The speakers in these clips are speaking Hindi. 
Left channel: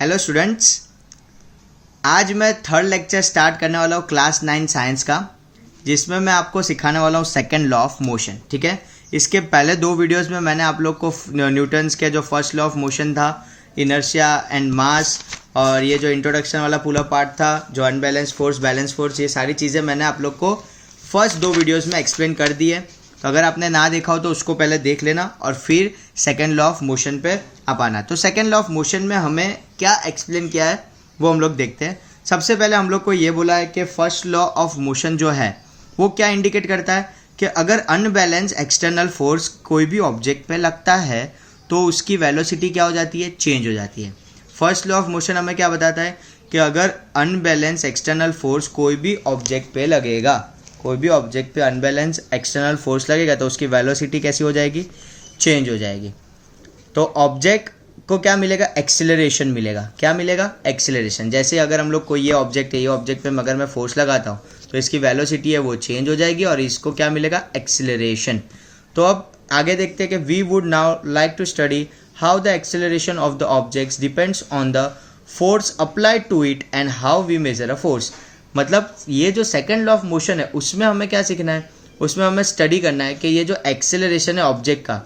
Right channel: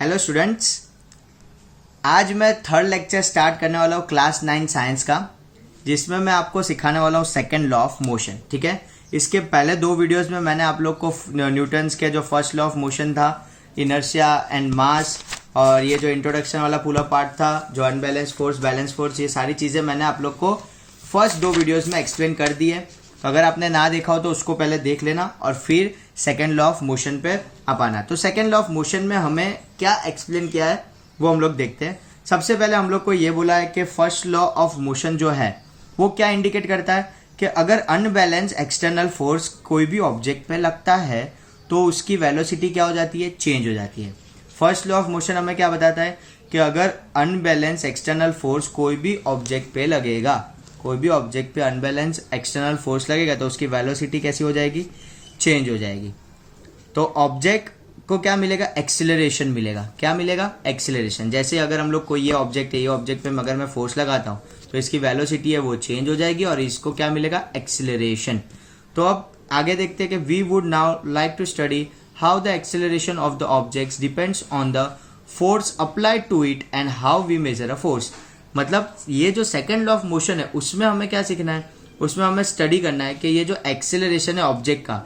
हेलो स्टूडेंट्स, आज मैं थर्ड लेक्चर स्टार्ट करने वाला हूँ क्लास 9 साइंस का, जिसमें मैं आपको सिखाने वाला हूँ सेकंड लॉ ऑफ मोशन। ठीक है, इसके पहले दो वीडियोस में मैंने आप लोग को न्यूटन्स के जो फर्स्ट लॉ ऑफ मोशन था, इनर्शिया एंड मास, और ये जो इंट्रोडक्शन वाला पूरा पार्ट था, जो अनबैलेंस फोर्स, बैलेंस फोर्स, ये सारी चीज़ें मैंने आप लोग को फर्स्ट दो वीडियोज़ में एक्सप्लेन कर दी है। तो अगर आपने ना देखा हो तो उसको पहले देख लेना और फिर सेकेंड लॉ ऑफ मोशन पे आप आना। तो सेकेंड लॉ ऑफ मोशन में हमें क्या एक्सप्लेन किया है वो हम लोग देखते हैं। सबसे पहले हम लोग को ये बोला है कि फर्स्ट लॉ ऑफ मोशन जो है वो क्या इंडिकेट करता है कि अगर अनबैलेंस एक्सटर्नल फोर्स कोई भी ऑब्जेक्ट पे लगता है तो उसकी वेलोसिटी क्या हो जाती है, चेंज हो जाती है। फर्स्ट लॉ ऑफ मोशन हमें क्या बताता है कि अगर अनबैलेंस एक्सटर्नल फोर्स कोई भी ऑब्जेक्ट पे लगेगा, कोई भी ऑब्जेक्ट पे अनबैलेंस एक्सटर्नल फोर्स लगेगा तो उसकी वेलोसिटी कैसी हो जाएगी, चेंज हो जाएगी। तो ऑब्जेक्ट को क्या मिलेगा, एक्सीलरेशन मिलेगा। क्या मिलेगा, एक्सीलरेशन। जैसे अगर हम लोग कोई ये ऑब्जेक्ट है, ये ऑब्जेक्ट पे अगर मैं फोर्स लगाता हूँ तो इसकी वेलोसिटी है वो चेंज हो जाएगी और इसको क्या मिलेगा, एक्सीलरेशन। तो अब आगे देखते हैं कि we would now like to study how the acceleration of the objects depends on the force applied to it and how we measure a force. मतलब ये जो सेकंड लॉ ऑफ मोशन है उसमें हमें क्या सीखना है, उसमें हमें स्टडी करना है कि ये जो एक्सेलरेशन है ऑब्जेक्ट का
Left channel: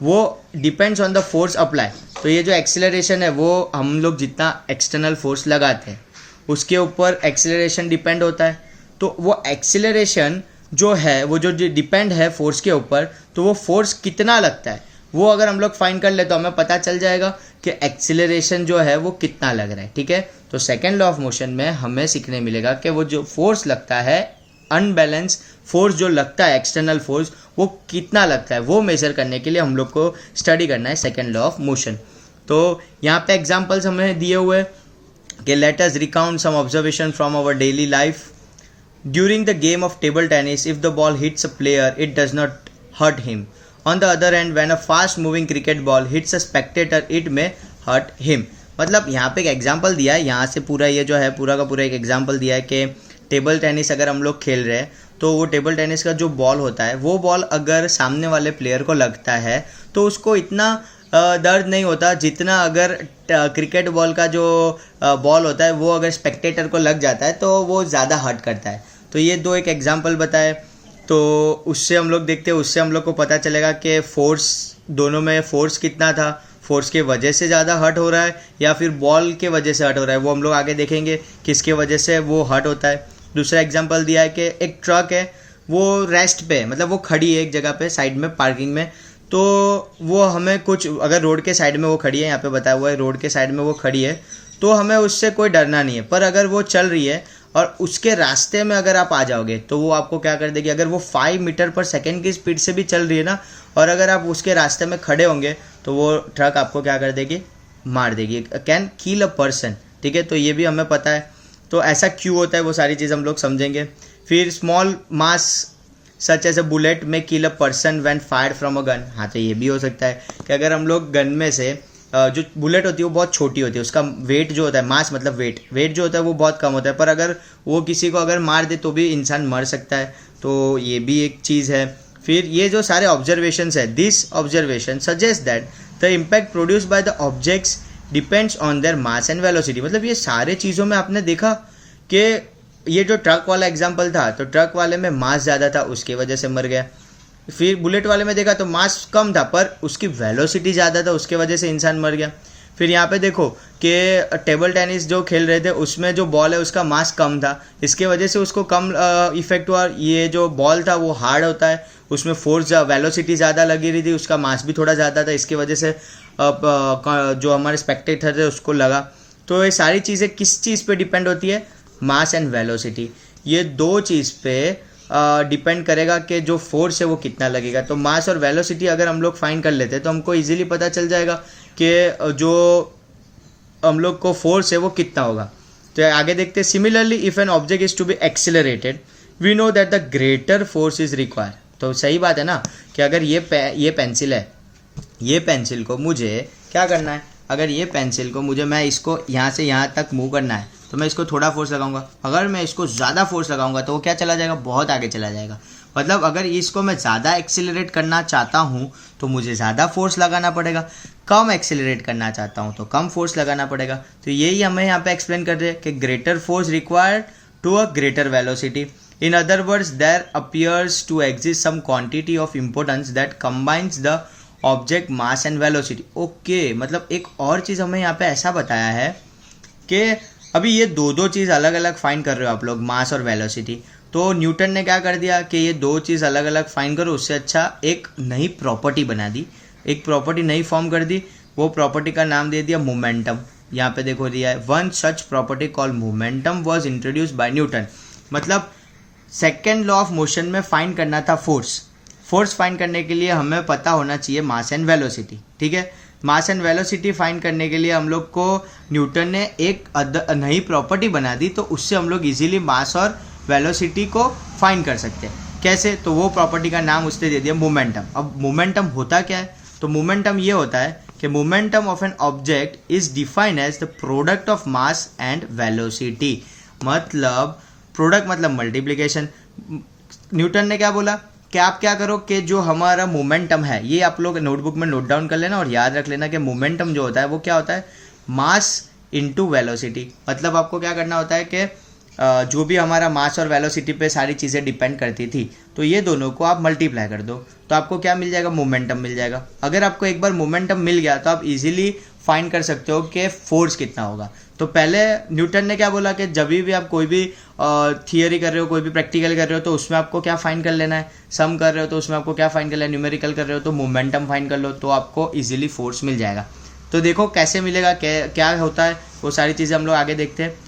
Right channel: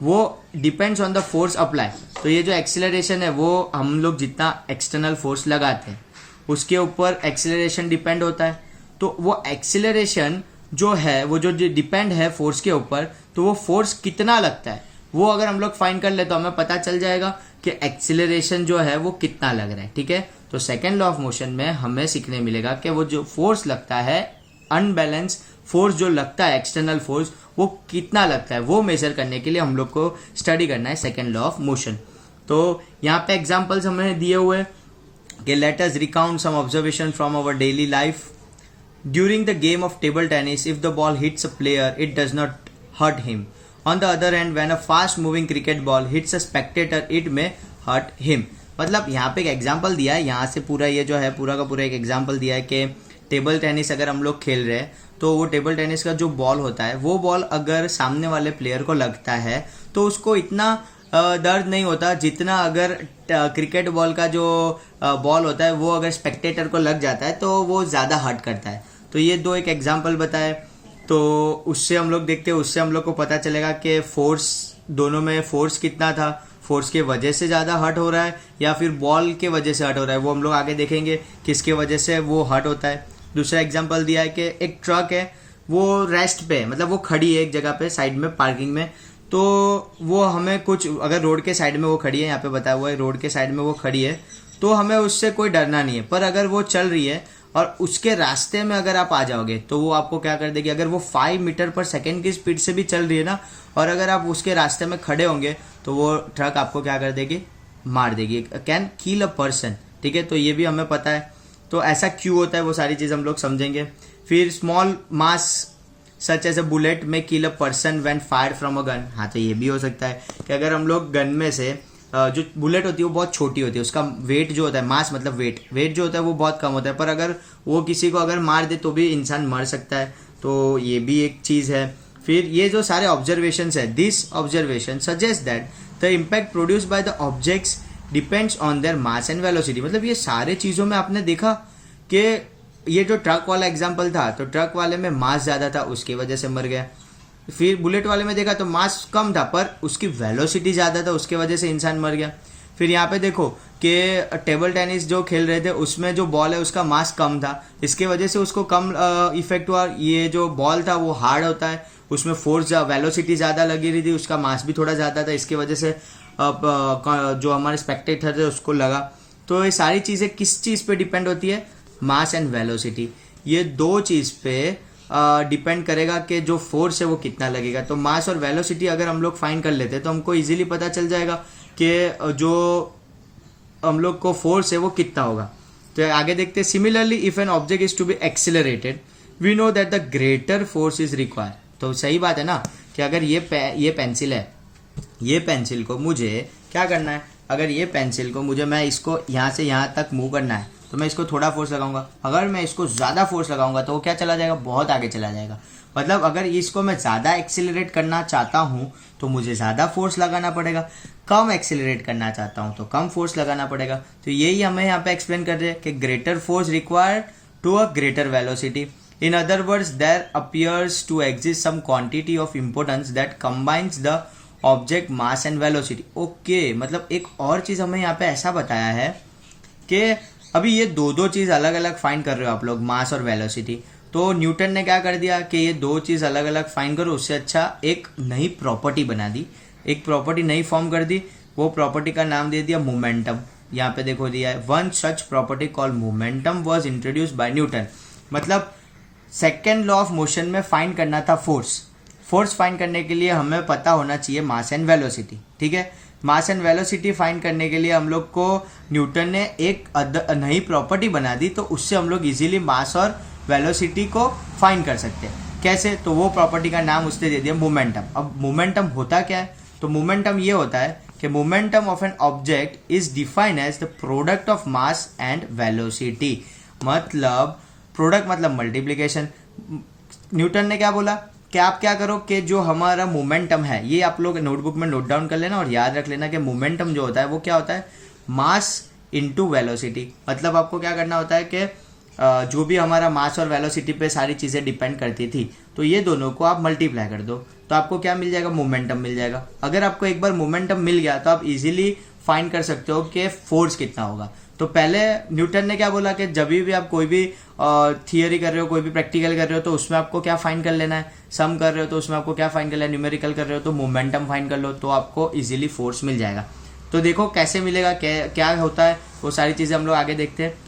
वो depends on the force apply. तो ये जो एक्सेलरेशन है वो हम लोग जितना एक्सटर्नल फोर्स लगाते हैं उसके ऊपर एक्सेलरेशन डिपेंड होता है। तो वो एक्सेलरेशन जो है वो जो डिपेंड है फोर्स के ऊपर, तो वो फोर्स कितना लगता है वो अगर हम लोग फाइंड कर ले तो हमें पता चल जाएगा कि एक्सेलरेशन जो है वो कितना लग रहा है। ठीक है, तो सेकेंड लॉ ऑफ मोशन में हमें सीखने मिलेगा कि वो जो फोर्स लगता है, अनबैलेंस फोर्स जो लगता है, एक्सटर्नल फोर्स, वो कितना लगता है वो मेजर करने के लिए हम लोग को स्टडी करना है सेकेंड लॉ ऑफ मोशन। तो यहाँ पे एग्जाम्पल्स हमें दिए हुए कि let us recount some observation from our daily life. During the game of table tennis, if the ball hits a player it does not hurt him. On the other hand, when a fast moving cricket ball hits a spectator, it may hurt him. मतलब यहाँ पे एक एग्जाम्पल दिया है, यहाँ से पूरा ये जो है पूरा का पूरा एक एग्जाम्पल दिया है कि टेबल टेनिस अगर हम लोग खेल रहे हैं तो वो टेबल टेनिस का जो बॉल होता है वो बॉल अगर सामने वाले प्लेयर को लगता है तो उसको इतना दर्द नहीं होता जितना अगर क्रिकेट बॉल का जो बॉल होता है वो अगर स्पेक्टेटर को लग जाता है तो वो ज़्यादा हर्ट करता है। तो ये दो एक एग्जाम्पल बताए, तो उससे हम लोग देखते हैं, उससे हम लोग को पता चलेगा कि फोर्स दोनों में फोर्स कितना था, फोर्स के वजह से ज़्यादा हर्ट हो रहा है या फिर बॉल के वजह से हर्ट हो रहा है, वो हम लोग आगे देखेंगे किसके वजह से वो हर्ट होता है। दूसरा एग्जांपल दिया है कि एक ट्रक है वो रेस्ट पे, मतलब वो खड़ी है एक जगह पे साइड में पार्किंग में, तो वो हमें कुछ अगर रोड के साइड में वो खड़ी है, यहाँ पे बताया हुआ है रोड के साइड में वो खड़ी है, तो हमें उससे कोई डरना नहीं है। पर अगर वो चल रही है और उसके रास्ते में अगर आप आ जाओगे तो वो आपको क्या कर देगी, अगर वो 5 मीटर पर सेकेंड की स्पीड से भी चल रही है ना, और अगर आप उसके रास्ते में खड़े होंगे तो वो ट्रक आपको क्या कर देगी, मार देगी, कैन किल अ पर्सन। ठीक है, तो ये भी हमें पता है। तो ऐसा क्यों होता है वो सारी चीज़ हम लोग समझेंगे। फिर small mass such as a bullet में kill a person when fired from a gun. हाँ, तो ये भी हो सकता है कि अगर हम लोग गन में से जो बुलेट होती है वो बहुत छोटी होती है, उसका वेट जो होता है, मास मतलब वेट जो होता है वो बहुत कम होता है, पर अगर वो किसी को अगर मार दे तो भी इंसान मर सकता है। तो ये भी एक चीज़ है। फिर ये जो सारे ऑब्जर्वेशंस है, this observation suggest that the impact produce by the objects depends on their mass and velocity. मतलब ये सारे चीज़ों में आपने देखा कि ये जो ट्रक वाला एग्जाम्पल था तो ट्रक वाले में मास ज़्यादा था उसकी वजह से मर गया। फिर बुलेट वाले में देखा तो मास कम था पर उसकी वेलोसिटी ज़्यादा था उसके वजह से इंसान मर गया। फिर यहाँ पे देखो कि टेबल टेनिस जो खेल रहे थे उसमें जो बॉल है उसका मास कम था, इसके वजह से उसको कम इफेक्ट हुआ। ये जो बॉल था वो हार्ड होता है, उसमें फोर्स वेलोसिटी ज़्यादा लगी रही थी, उसका मास भी थोड़ा ज़्यादा था, इसकी वजह से जो हमारे स्पेक्टेटर थे उसको लगा। तो ये सारी चीज़ें किस चीज़ पे डिपेंड होती है, मास एंड वेलोसिटी। ये दो चीज़ पे डिपेंड करेगा कि जो फोर्स है वो कितना लगेगा। तो मास और वेलोसिटी अगर हम लोग फाइंड कर लेते हैं तो हमको इजीली पता चल जाएगा कि जो हम लोग को फोर्स है वो कितना होगा। तो आगे देखते हैं, similarly if an object is to be accelerated we know that the greater force is require. तो सही बात है ना कि अगर ये पेंसिल है, ये पेंसिल को मुझे क्या करना है, अगर ये पेंसिल को मुझे मैं इसको यहाँ से यहाँ तक मूव करना है तो मैं इसको थोड़ा फोर्स लगाऊंगा, अगर मैं इसको ज़्यादा फोर्स लगाऊंगा तो वो क्या चला जाएगा, बहुत आगे चला जाएगा। मतलब अगर इसको मैं ज़्यादा एक्सेलरेट करना चाहता हूँ तो मुझे ज़्यादा फोर्स लगाना पड़ेगा, कम एक्सेलरेट करना चाहता हूँ तो कम फोर्स लगाना पड़ेगा। तो यही हमें यहाँ पे एक्सप्लेन कर रहे हैं कि greater force required to a greater velocity. In other words there appears to exist some quantity of importance that combines the object mass and velocity. Okay, मतलब एक और चीज़ हमें यहाँ पे ऐसा बताया है कि अभी ये दो चीज़ अलग अलग फाइंड कर रहे हो आप लोग, मास और वेलोसिटी। तो न्यूटन ने क्या कर दिया कि ये दो चीज़ अलग अलग फाइंड करो, उससे अच्छा एक नई प्रॉपर्टी बना दी, एक प्रॉपर्टी नई फॉर्म कर दी। वो प्रॉपर्टी का नाम दे दिया मोमेंटम। यहाँ पे देखो दिया है, one such property called momentum was introduced by Newton. मतलब सेकेंड लॉ ऑफ मोशन में फाइंड करना था फोर्स। फोर्स फाइंड करने के लिए हमें पता होना चाहिए मास एंड वेलोसिटी, ठीक है। मास एंड वेलोसिटी फाइंड करने के लिए हम लोग को न्यूटन ने एक नई प्रॉपर्टी बना दी, तो उससे हम लोग इजीली मास और वेलोसिटी को फाइंड कर सकते हैं। कैसे? तो वो प्रॉपर्टी का नाम उसने दे दिया मोमेंटम। अब मोमेंटम होता क्या है? तो मोमेंटम ये होता है कि momentum of an object is defined as the product of mass and velocity. मतलब प्रोडक्ट मतलब मल्टीप्लिकेशन। न्यूटन ने क्या बोला कि आप क्या करो कि जो हमारा मोमेंटम है, ये आप लोग नोटबुक में नोट डाउन कर लेना और याद रख लेना कि मोमेंटम जो होता है वो क्या होता है, मास इनटू वेलोसिटी। मतलब आपको क्या करना होता है कि जो भी हमारा मास और वेलोसिटी पे सारी चीज़ें डिपेंड करती थी, तो ये दोनों को आप मल्टीप्लाई कर दो तो आपको क्या मिल जाएगा, मोमेंटम मिल जाएगा। अगर आपको एक बार मोमेंटम मिल गया तो आप इजीली फाइंड कर सकते हो कि फोर्स कितना होगा। तो पहले न्यूटन ने क्या बोला कि जब भी आप कोई भी थियरी कर रहे हो, कोई भी प्रैक्टिकल कर रहे हो, तो उसमें आपको क्या फाइंड कर लेना है, सम कर रहे हो तो उसमें आपको क्या फाइंड कर लेना है, न्यूमेरिकल कर रहे हो तो मोमेंटम फाइंड कर लो, तो आपको इजीली फोर्स मिल जाएगा। तो देखो कैसे मिलेगा, क्या होता है, वो सारी चीज़ें हम लोग आगे देखते हैं।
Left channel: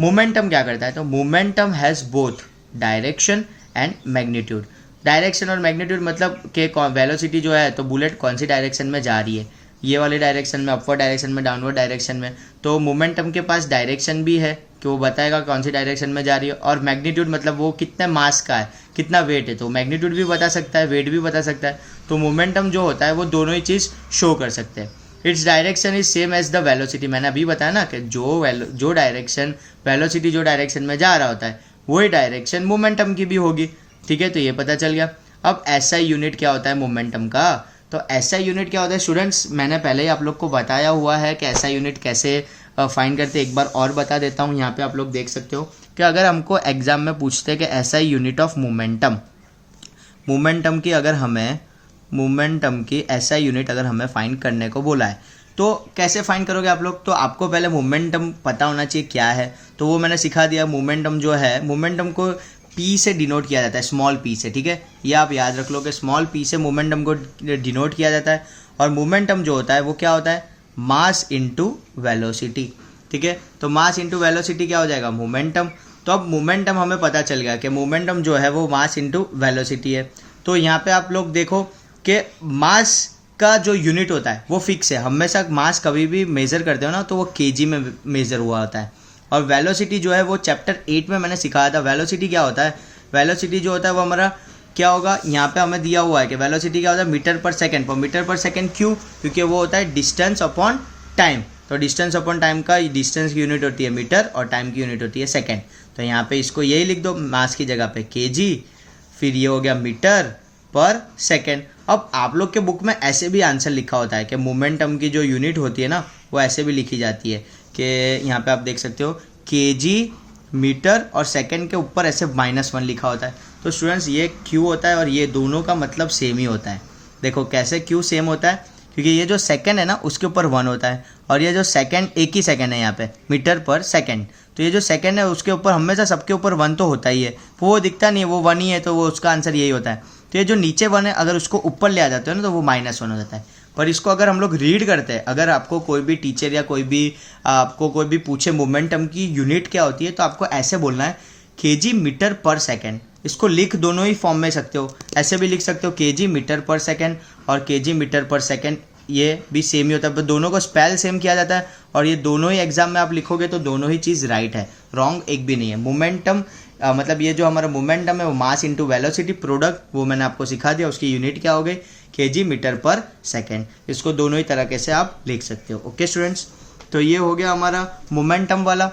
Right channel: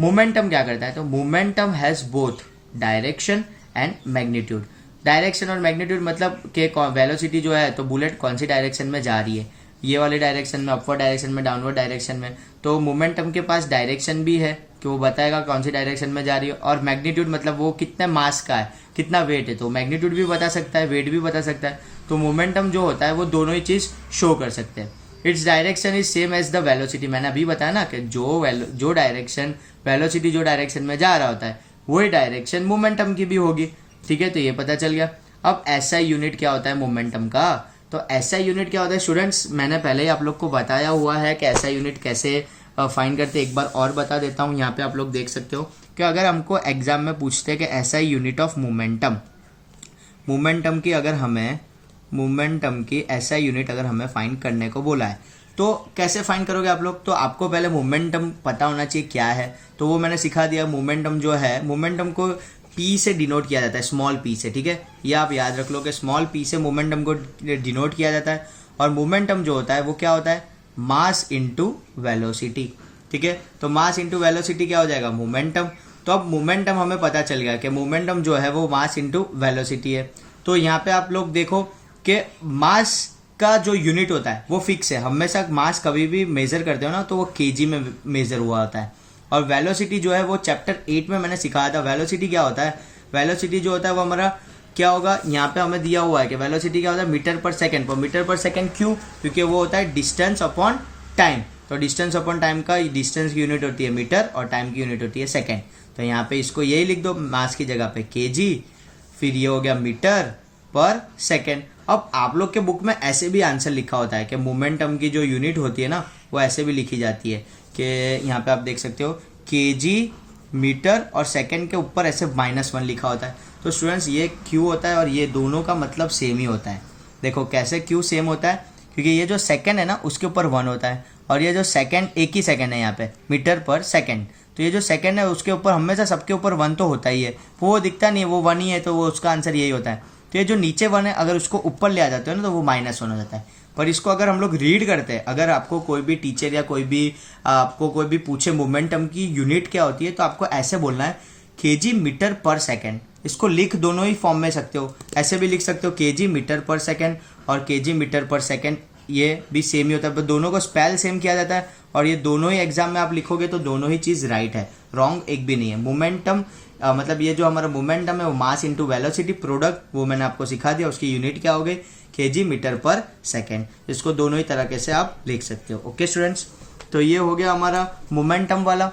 मोमेंटम क्या करता है, तो momentum has both direction and magnitude. Direction और मैग्नीट्यूड मतलब कि वेलोसिटी जो है, तो बुलेट कौन सी डायरेक्शन में जा रही है, ये वाली डायरेक्शन में, अपवर्ड डायरेक्शन में, डाउनवर्ड डायरेक्शन में। तो मोमेंटम के पास डायरेक्शन भी है कि वो बताएगा कौन सी डायरेक्शन में जा रही है, और मैग्नीट्यूड मतलब वो कितने मास का है, कितना वेट है, तो मैग्नीट्यूड भी बता सकता है, वेट भी बता सकता है। तो मोमेंटम जो होता है वो दोनों ही चीज़ शो कर सकते हैं। Its direction is same as the velocity. मैंने अभी बताया ना कि जो डायरेक्शन वेलोसिटी जो डायरेक्शन में जा रहा होता है वही डायरेक्शन मोमेंटम की भी होगी, ठीक है। तो ये पता चल गया। अब ऐसा यूनिट क्या होता है मोमेंटम का, तो ऐसा यूनिट क्या होता है स्टूडेंट्स, मैंने पहले ही आप लोग को बताया हुआ है कि ऐसा यूनिट कैसे फाइंड करते, एक बार और बता देता हूँ। यहाँ पे आप लोग देख सकते हो कि अगर हमको एग्जाम में पूछते हैं कि ऐसा यूनिट ऑफ मोमेंटम की अगर हमें मोमेंटम की ऐसा यूनिट अगर हमें फाइंड करने को बोला है, तो कैसे फाइंड करोगे आप लोग। तो आपको पहले मोमेंटम पता होना चाहिए क्या है, तो वो मैंने सिखा दिया। मोमेंटम जो है, मोमेंटम को पी से डिनोट किया जाता है, स्मॉल पी से, ठीक है। ये आप याद रख लो कि स्मॉल पी से मोमेंटम को डिनोट किया जाता है। और मोमेंटम जो होता है वो क्या होता है, मास इनटू वेलोसिटी, ठीक है। तो मास इनटू वेलोसिटी क्या हो जाएगा, मोमेंटम। तो अब मोमेंटम हमें पता चल गया कि मोमेंटम जो है वो मास इनटू वेलोसिटी है। तो यहाँ पे आप लोग देखो कि मास का जो यूनिट होता है वो फिक्स है, हमेशा मास कभी भी मेजर करते हो ना तो वो केजी में मेजर हुआ होता है। और वेलोसिटी जो है वो चैप्टर 8 में मैंने सिखाया था। वेलोसिटी क्या होता है, वेलोसिटी जो होता है वो हमारा क्या होगा, यहाँ पे हमें दिया हुआ है कि वेलोसिटी क्या होता है, मीटर पर सेकंड। पर मीटर पर सेकंड क्यों, क्योंकि वो होता है डिस्टेंस अपॉन टाइम। तो डिस्टेंस अपॉन टाइम का डिस्टेंस की यूनिट होती है मीटर और टाइम की यूनिट होती है सेकंड। तो यहाँ पे इसको यही लिख दो, मास की जगह पे केजी, फिर ये हो गया मीटर पर सेकंड। अब आप लोग के बुक में ऐसे भी आंसर लिखा होता है कि मोमेंटम की जो यूनिट होती है ना वो ऐसे भी लिखी जाती है कि यहाँ पे आप देख सकते हो केजी, मीटर और सेकंड के ऊपर ऐसे -1 लिखा होता है। तो स्टूडेंट्स ये क्यू होता है और ये दोनों का मतलब सेम ही होता है। देखो कैसे क्यू सेम होता है, क्योंकि ये जो सेकंड है ना उसके ऊपर 1 होता है, और ये जो सेकंड एक ही सेकंड है यहाँ पे, मीटर पर सेकंड। तो ये जो सेकंड है उसके ऊपर हमेशा सबके ऊपर 1 तो होता ही है, वो दिखता नहीं है, वो 1 ही है, तो वो उसका आंसर यही होता है। तो ये जो नीचे 1 है अगर उसको ऊपर ले आ जाते हो ना तो वो -1 हो जाता है। पर इसको अगर हम लोग रीड करते हैं, अगर आपको कोई भी टीचर या कोई भी पूछे मोमेंटम की यूनिट क्या होती है, तो आपको ऐसे बोलना है केजी मीटर पर सेकंड। इसको लिख दोनों ही फॉर्म में सकते हो, ऐसे भी लिख सकते हो केजी मीटर पर सेकंड और केजी मीटर पर सेकंड, ये भी सेम ही होता है, पर दोनों को स्पेल सेम किया जाता है। और ये दोनों ही एग्जाम में आप लिखोगे तो दोनों ही चीज़ राइट है, रॉन्ग एक भी नहीं है। मोमेंटम मतलब ये जो हमारा मोमेंटम है वो मास इंटू वेलोसिटी प्रोडक्ट, वो मैंने आपको सिखा दिया, उसकी यूनिट क्या हो गई, केजी मीटर पर सेकंड। इसको दोनों ही तरीके से आप लिख सकते हो। ओके स्टूडेंट्स, तो ये हो गया हमारा मोमेंटम वाला,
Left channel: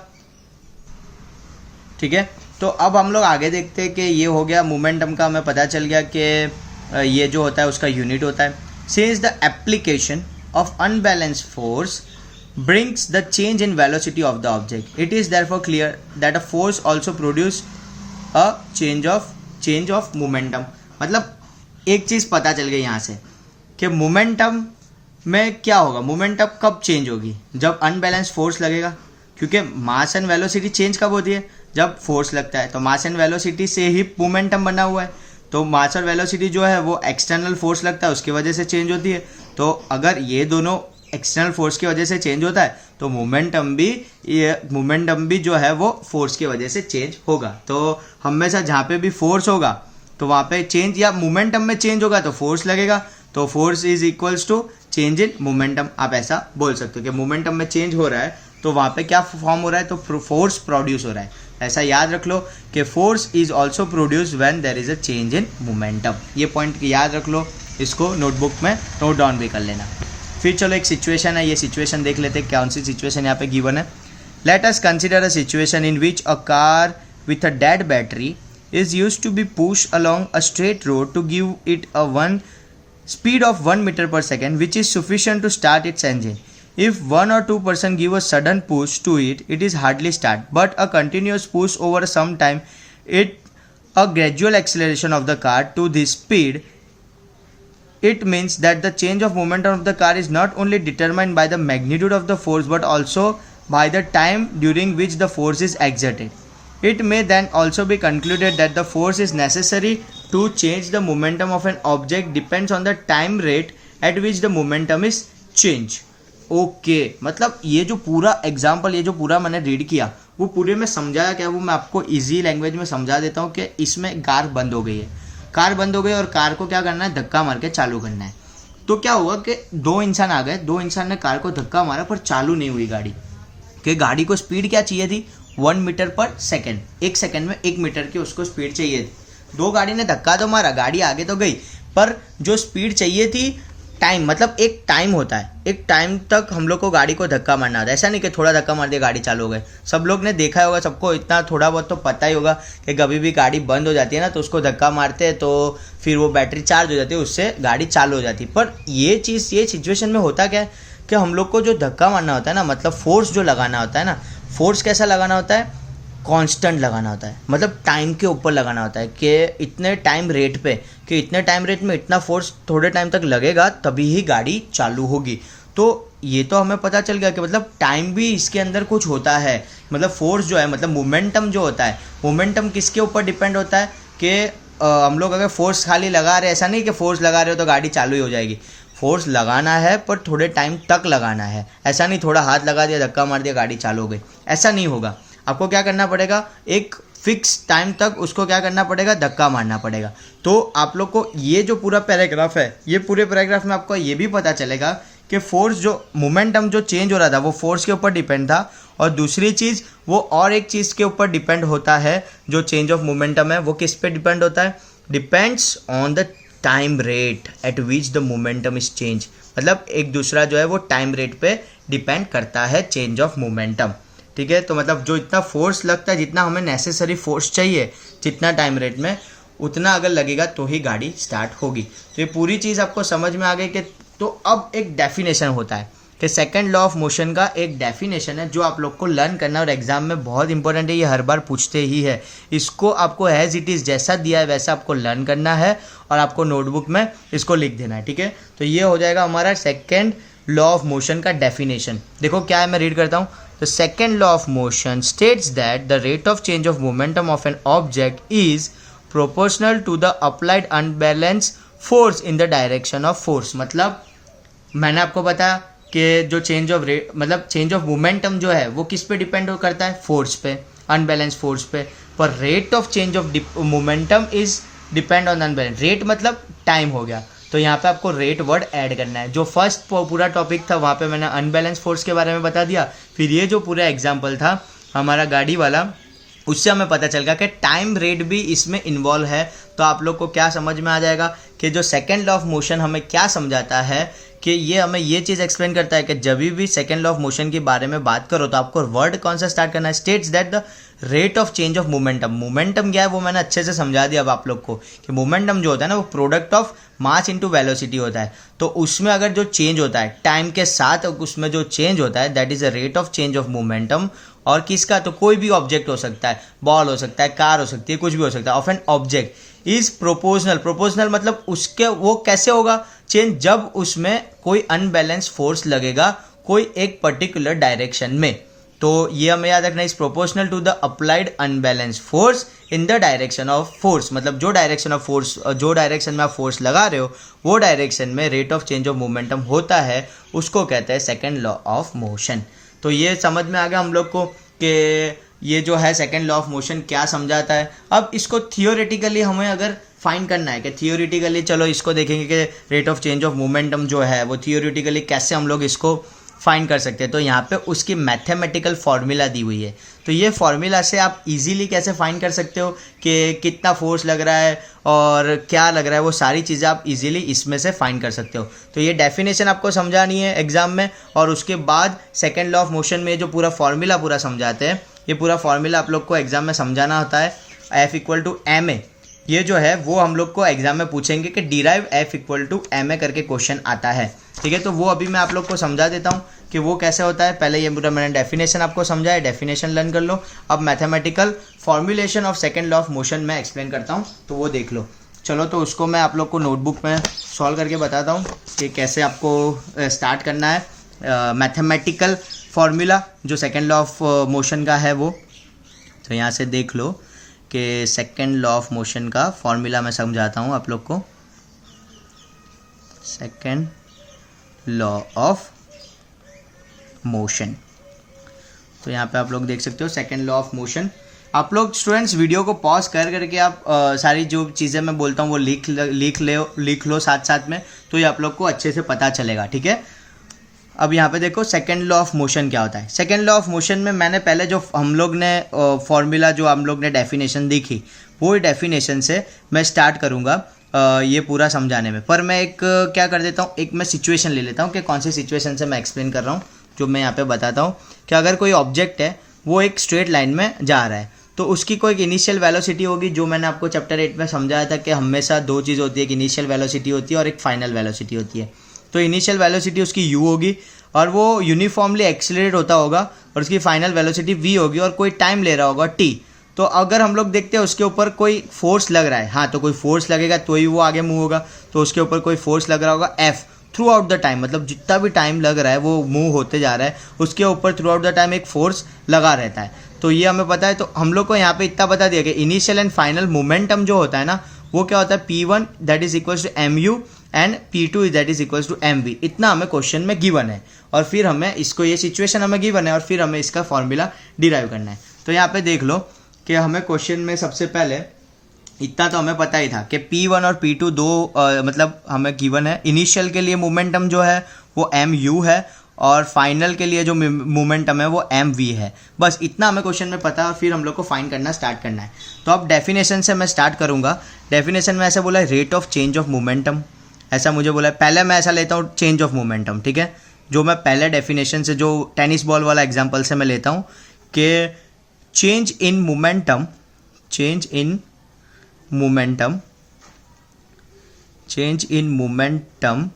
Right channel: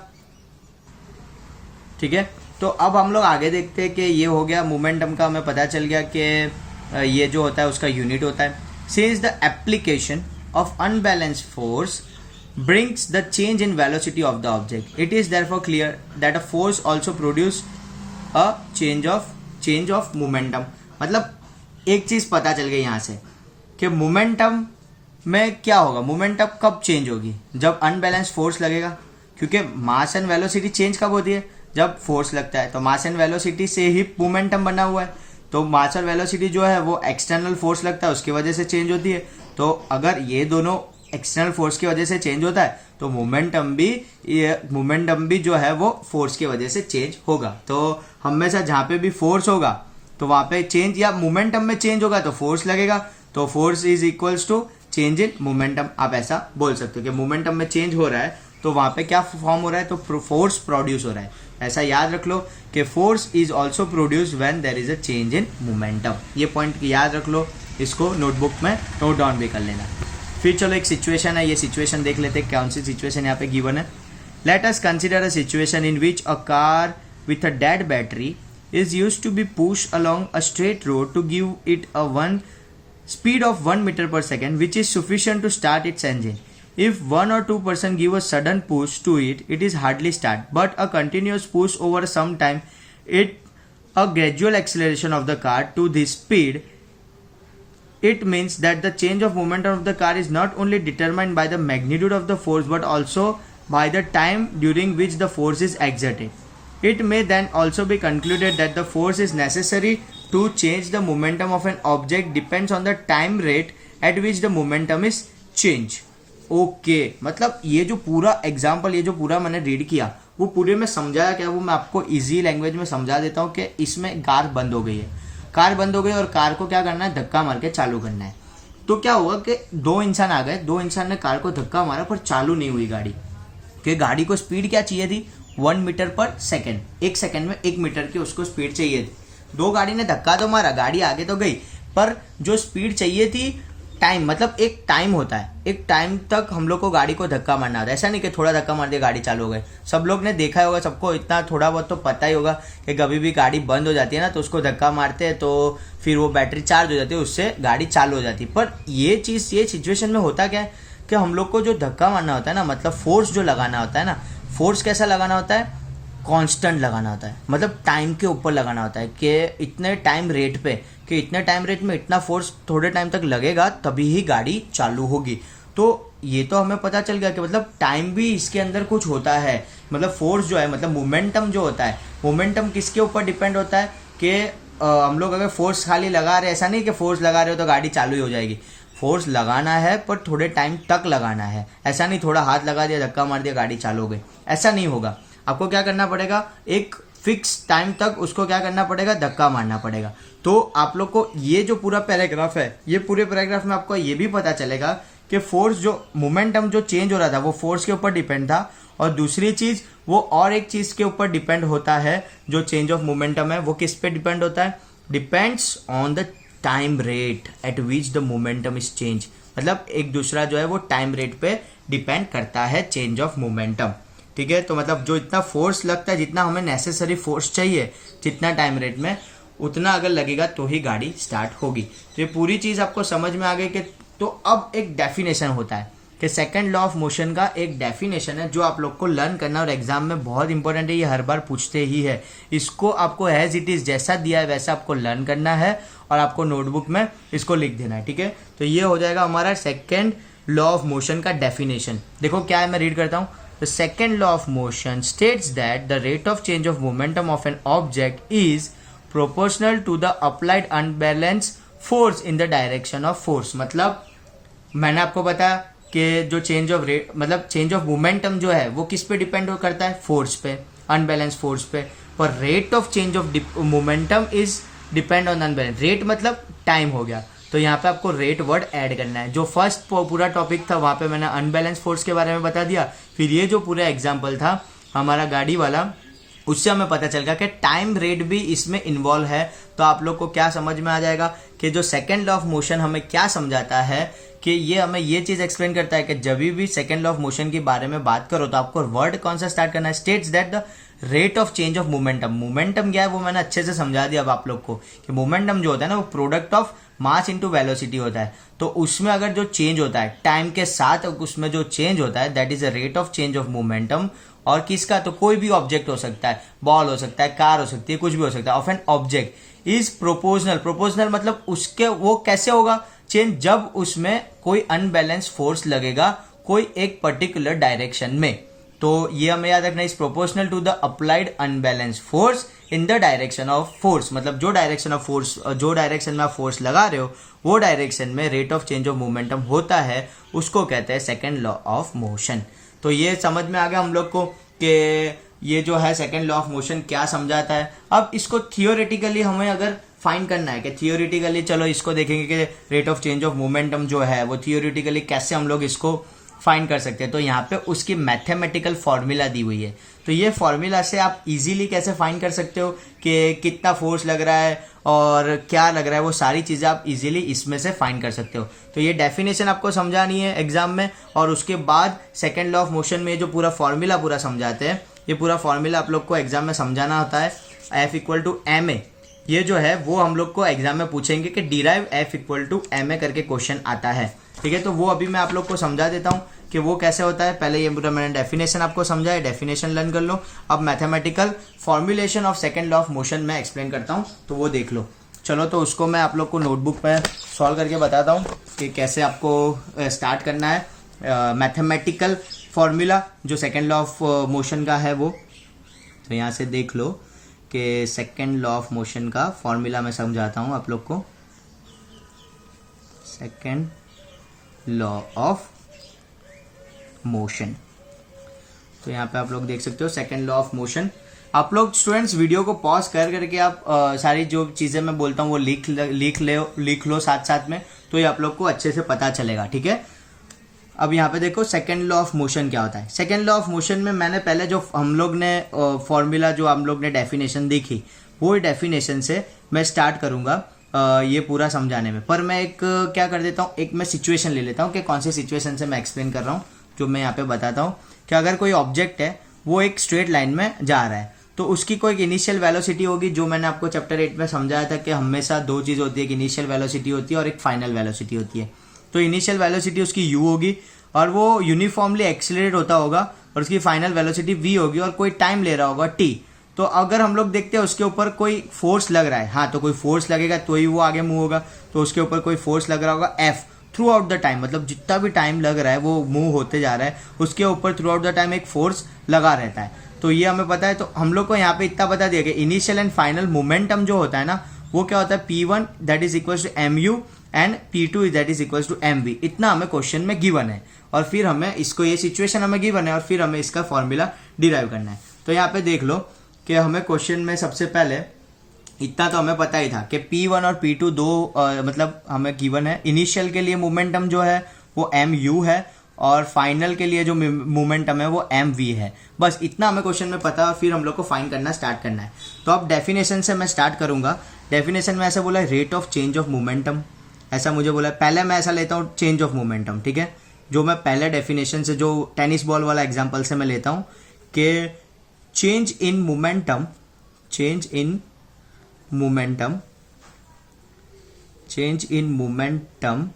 ठीक है। तो अब हम लोग आगे देखते हैं कि ये हो गया मोमेंटम का, हमें पता चल गया कि ये जो होता है उसका यूनिट होता है. Since the application of unbalanced force brings the change in velocity of the object, it is therefore clear that a force also produce a change of momentum. मतलब एक चीज पता चल गई यहाँ से कि मोमेंटम में क्या होगा, मोमेंटम कब चेंज होगी, जब अनबैलेंस फोर्स लगेगा. क्योंकि मास एंड वेलोसिटी चेंज कब होती है, जब फोर्स लगता है. तो मास एंड वेलोसिटी से ही मोमेंटम बना हुआ है. तो मास और वेलोसिटी जो है वो एक्सटर्नल फोर्स लगता है, उसकी वजह से चेंज होती है. तो अगर ये दोनों एक्सटर्नल फोर्स की वजह से चेंज होता है तो मोमेंटम भी जो है वो फोर्स की वजह से चेंज होगा. तो हमेशा जहाँ पे भी फोर्स होगा तो वहाँ पे चेंज, या मोमेंटम में चेंज होगा तो फोर्स लगेगा. तो force is equals to change in momentum. आप ऐसा बोल सकते हो कि मोमेंटम में चेंज हो रहा है तो वहाँ पे क्या फॉर्म हो रहा है, तो फोर्स प्रोड्यूस हो रहा है. ऐसा याद रख लो कि force is also produce when there is a change in momentum. ये पॉइंट याद रख लो, इसको नोटबुक में नोट डाउन भी कर लेना. फिर चलो एक सिचुएशन है, ये सिचुएशन देख लेते हैं कौन सी सिचुएशन यहाँ पे गिवन है. Let us consider a situation in which a car with a dead battery is used to be pushed along a straight road to give it a speed of 1 meter per second, which is sufficient to start its engine. If 1 or 2 person give a sudden push to it, it is hardly start, but a continuous push over some time, a gradual acceleration of the car to this speed, it means that the change of momentum of the car is not only determined by the magnitude of the force but also by the time during which the force is exerted. It may then also be concluded that the force is necessary to change the momentum of an object depends on the time rate at which the momentum is changed. Okay मतलब ये जो पूरा एग्जाम्पल, ये जो पूरा मैंने रीड किया वो पूरे में समझाया क्या, वो मैं आपको इजी लैंग्वेज में समझा देता हूँ कि इसमें कार बंद हो गई है, कार बंद हो गई और कार को क्या करना है, धक्का मार के चालू करना है. तो क्या हुआ कि दो इंसान आ गए, दो इंसान ने कार को धक्का मारा पर चालू नहीं हुई गाड़ी. कि गाड़ी को स्पीड क्या चाहिए थी, 1 मीटर पर सेकेंड, 1 सेकेंड में 1 मीटर की उसको स्पीड चाहिए थी. दो गाड़ी ने धक्का तो मारा, गाड़ी आगे तो गई, पर जो स्पीड चाहिए थी, टाइम मतलब एक टाइम होता है, एक टाइम तक हम लोग को गाड़ी को धक्का मारना होता है. ऐसा नहीं कि थोड़ा धक्का मार दिया गाड़ी चालू हो गई. सब लोग ने देखा होगा, सबको इतना थोड़ा बहुत तो पता ही होगा कि कभी भी गाड़ी बंद हो जाती है ना तो उसको धक्का मारते हैं तो फिर वो बैटरी चार्ज हो जाती है, उससे गाड़ी चालू हो जाती है. पर ये चीज़, ये सिचुएशन में होता क्या है कि हम लोग को जो धक्का मारना होता है ना, मतलब फोर्स जो लगाना होता है ना, फोर्स कैसा लगाना होता है, कांस्टेंट लगाना होता है. मतलब टाइम के ऊपर लगाना होता है कि इतने टाइम रेट पे, कि इतने टाइम रेट में इतना फोर्स थोड़े टाइम तक लगेगा तभी ही गाड़ी चालू होगी. तो ये तो हमें पता चल गया कि मतलब टाइम भी इसके अंदर कुछ होता है. मतलब फोर्स जो है, मतलब मोमेंटम जो होता है, मोमेंटम किसके ऊपर डिपेंड होता है कि हम लोग अगर फोर्स खाली लगा रहे हैं, ऐसा नहीं कि फोर्स लगा रहे हो तो गाड़ी चालू ही हो जाएगी. फोर्स लगाना है पर थोड़े टाइम तक लगाना है. ऐसा नहीं थोड़ा हाथ लगा दिया, धक्का मार दिया, गाड़ी चालू हो गई, ऐसा नहीं होगा. आपको क्या करना पड़ेगा, एक फिक्स टाइम तक उसको क्या करना पड़ेगा, धक्का मारना पड़ेगा. तो आप लोग को ये जो पूरा पैराग्राफ है, ये पूरे पैराग्राफ में आपको ये भी पता चलेगा कि फोर्स जो मोमेंटम जो चेंज हो रहा था वो फोर्स के ऊपर डिपेंड था, और दूसरी चीज़ वो और एक चीज़ के ऊपर डिपेंड होता है. जो चेंज ऑफ मोमेंटम है वो किस पे डिपेंड होता है, depends on the time rate at which the momentum is change. मतलब एक दूसरा जो है वो टाइम रेट पे डिपेंड करता है, चेंज ऑफ मोमेंटम. ठीक है, तो मतलब जो इतना फोर्स लगता है, जितना हमें नेसेसरी फोर्स चाहिए, जितना टाइम रेट में, उतना अगर लगेगा तो ही गाड़ी स्टार्ट होगी. तो ये पूरी चीज़ आपको समझ में आ गई कि तो अब एक डेफिनेशन होता है कि सेकंड लॉ ऑफ मोशन का एक डेफिनेशन है जो आप लोग को लर्न करना है और एग्जाम में बहुत इंपॉर्टेंट है. ये हर बार पूछते ही है. इसको आपको एज इट इज़ जैसा दिया है वैसा आपको लर्न करना है और आपको नोटबुक में इसको लिख देना है. ठीक है, तो ये हो जाएगा हमारा सेकंड लॉ ऑफ मोशन का डेफिनेशन. देखो क्या है, मैं रीड करता हूँ. The second law of motion states that the rate of change of momentum of an object is proportional to the applied unbalanced force in the direction of force. मतलब मैंने आपको बताया कि जो चेंज ऑफ रेट, मतलब चेंज ऑफ मोमेंटम जो है वो किस पे डिपेंड करता है, फोर्स पे, अनबैलेंस फोर्स पे. पर rate of change of momentum is depend on unbalance. Rate मतलब टाइम हो गया, तो यहाँ पे आपको रेट वर्ड ऐड करना है. जो फर्स्ट पूरा टॉपिक था वहाँ पे मैंने अनबैलेंस फोर्स के बारे में बता दिया. फिर ये जो पूरा एग्जाम्पल था हमारा गाड़ी वाला, उससे हमें पता चल गया कि टाइम रेट भी इसमें इन्वॉल्व है. तो आप लोग को क्या समझ में आ जाएगा कि जो सेकंड लॉ ऑफ मोशन हमें क्या समझाता है कि ये हमें ये चीज़ एक्सप्लेन करता है कि जब भी सेकेंड लॉ ऑफ मोशन के बारे में बात करो तो आपको वर्ड कौन सा स्टार्ट करना है, states that the rate of change of momentum. Momentum क्या है वो मैंने अच्छे से समझा दिया अब आप लोग को कि मोमेंटम जो होता है ना वो product of mass into velocity होता है। तो उसमें अगर जो चेंज होता है टाइम के साथ, उसमें जो चेंज होता है that is a rate of change of momentum. और किसका, तो कोई भी ऑब्जेक्ट हो सकता है, बॉल हो सकता है, कार हो सकती है, कुछ भी हो सकता है, of an object is proportional. Proportional मतलब उसके वो कैसे होगा चेंज, जब उसमें कोई अनबैलेंस फोर्स लगेगा कोई एक पर्टिकुलर डायरेक्शन में। तो ये हमें याद रखना, is proportional to the applied unbalance force in the direction of force. मतलब जो डायरेक्शन ऑफ फोर्स, जो डायरेक्शन में आप फोर्स लगा रहे हो वो डायरेक्शन में rate of change of momentum होता है, उसको कहते हैं सेकेंड लॉ ऑफ मोशन। तो ये समझ में आ गया हम लोग को कि ये जो है सेकेंड लॉ ऑफ मोशन क्या समझाता है। अब इसको थियोरेटिकली हमें अगर फाइंड करना है कि थियोरेटिकली, चलो इसको देखेंगे कि rate of change of momentum जो है वो थियोरेटिकली कैसे हम लोग इसको फाइंड कर सकते हैं। तो यहाँ पे उसकी मैथमेटिकल फॉर्मूला दी हुई है। तो ये फॉर्मूला से आप इजीली कैसे फाइंड कर सकते हो कि कितना फोर्स लग रहा है और क्या लग रहा है, वो सारी चीज़ें आप इजीली इसमें से फाइंड कर सकते हो। तो ये डेफिनेशन आपको समझानी है एग्जाम में, और उसके बाद सेकेंड लॉ ऑफ मोशन में जो पूरा फॉर्मूला पूरा समझाते हैं, ये पूरा फॉर्मूला आप लोग को एग्जाम में समझाना होता है। F=ma ये जो है वो हम लोग को एग्जाम में पूछेंगे कि डिराइव F=ma करके क्वेश्चन आता है, ठीक है। तो वो अभी मैं आप लोग को समझा देता हूँ कि वो कैसे होता है। पहले ये पूरा मैंने डेफिनेशन आपको समझा है, डेफिनेशन लर्न कर लो। अब mathematical formulation of second law of motion में एक्सप्लेन करता हूँ, तो वो देख लो। चलो तो उसको मैं आप लोग को नोटबुक में सॉल्व करके बताता हूँ कि कैसे आपको स्टार्ट करना है मैथमेटिकल फॉर्मूला जो सेकेंड लॉ ऑफ मोशन का है वो। तो यहाँ से देख लो कि सेकेंड लॉ ऑफ मोशन का फॉर्मूला मैं समझाता हूँ आप लोग को। सेकेंड लॉ ऑफ मोशन, तो यहाँ पे आप लोग देख सकते हो सेकेंड लॉ ऑफ मोशन। आप लोग स्टूडेंट्स वीडियो को पॉज कर करके आप सारी जो चीज़ें मैं बोलता हूँ वो लिख लो साथ साथ में, तो ये आप लोग को अच्छे से पता चलेगा, ठीक है। अब यहाँ पे देखो सेकेंड लॉ ऑफ मोशन क्या होता है। सेकेंड लॉ ऑफ मोशन में मैंने पहले जो हम लोग ने फॉर्मूला जो हम लोग ने डेफिनेशन देखी, वो डेफिनेशन से मैं स्टार्ट करूँगा ये पूरा समझाने में। पर मैं एक क्या कर देता हूँ, एक मैं सिचुएशन ले लेता हूँ कि कौन सी सिचुएशन से मैं एक्सप्लेन कर रहा हूँ, जो मैं यहाँ पे बताता हूँ कि अगर कोई ऑब्जेक्ट है वो एक स्ट्रेट लाइन में जा रहा है, तो उसकी कोई एक इनिशियल वेलोसिटी होगी, जो मैंने आपको चैप्टर 8 में समझाया था कि हमेशा दो चीज़ होती है, एक इनिशियल वेलोसिटी होती है और एक फाइनल वेलोसिटी होती है। तो इनिशियल वेलोसिटी उसकी u होगी और वो यूनिफॉर्मली एक्सीलरेट होता होगा, और उसकी फाइनल वेलोसिटी v होगी, और कोई टाइम ले रहा होगा t। तो अगर हम लोग देखते हैं उसके ऊपर कोई फोर्स लग रहा है, हाँ तो कोई फोर्स लगेगा तो ही वो आगे मूव होगा, तो उसके ऊपर कोई फोर्स लग रहा होगा f through out the time, मतलब जितना भी टाइम लग रहा है वो मूव होते जा रहा है, उसके ऊपर थ्रू आउट द टाइम एक फोर्स लगा रहता है। तो ये हमें पता है। तो हम लोग को यहाँ पे इतना बता दिया कि इनिशियल एंड फाइनल मोमेंटम जो होता है ना, वो क्या होता है, P1 that is equal to mu and P2 that is equal to mv। इतना हमें क्वेश्चन में गिवन है, और फिर हमें इसको, ये सिचुएशन हमें गिवन है, और फिर हमें इसका फॉर्मूला डिराइव करना है। तो यहाँ पे देख लो कि हमें क्वेश्चन में सबसे पहले इतना तो हमें पता ही था कि P1 और P2 दो मतलब हमें गिवन है। इनिशियल के लिए मोमेंटम जो है वो mu है, और फाइनल के लिए जो मोमेंटम है वो mv है। बस इतना हमें क्वेश्चन में पता है, और फिर हम लोग को फाइंड करना स्टार्ट करना है। तो अब डेफिनेशन से मैं स्टार्ट करूंगा। डेफिनेशन में ऐसा बोला है rate of change of momentum, ऐसा मुझे बोला है। पहले मैं ऐसा लेता हूँ चेंज ऑफ मोमेंटम, ठीक है, जो मैं पहले डेफिनेशन से, जो टेनिस बॉल वाला एग्जाम्पल से मैं लेता हूँ कि change in momentum, change in momentum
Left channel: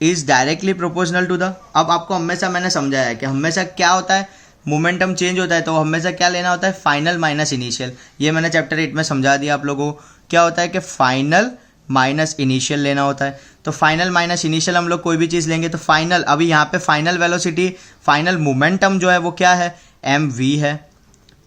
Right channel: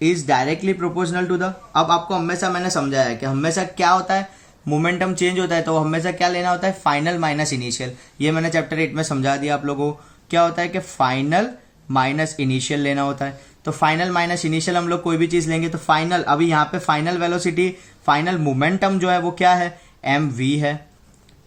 is directly proportional to the. अब आपको हमेशा मैंने समझाया है कि हमेशा क्या होता है, मोमेंटम चेंज होता है तो हमेशा क्या लेना होता है, फाइनल माइनस इनिशियल। ये मैंने चैप्टर 8 में समझा दिया आप लोगों को। क्या होता है कि फाइनल माइनस इनिशियल लेना होता है। तो फाइनल माइनस इनिशियल हम लोग कोई भी चीज़ लेंगे तो फाइनल, अभी यहाँ पे फाइनल वेलोसिटी, फाइनल मोमेंटम जो है वो क्या है, mv है।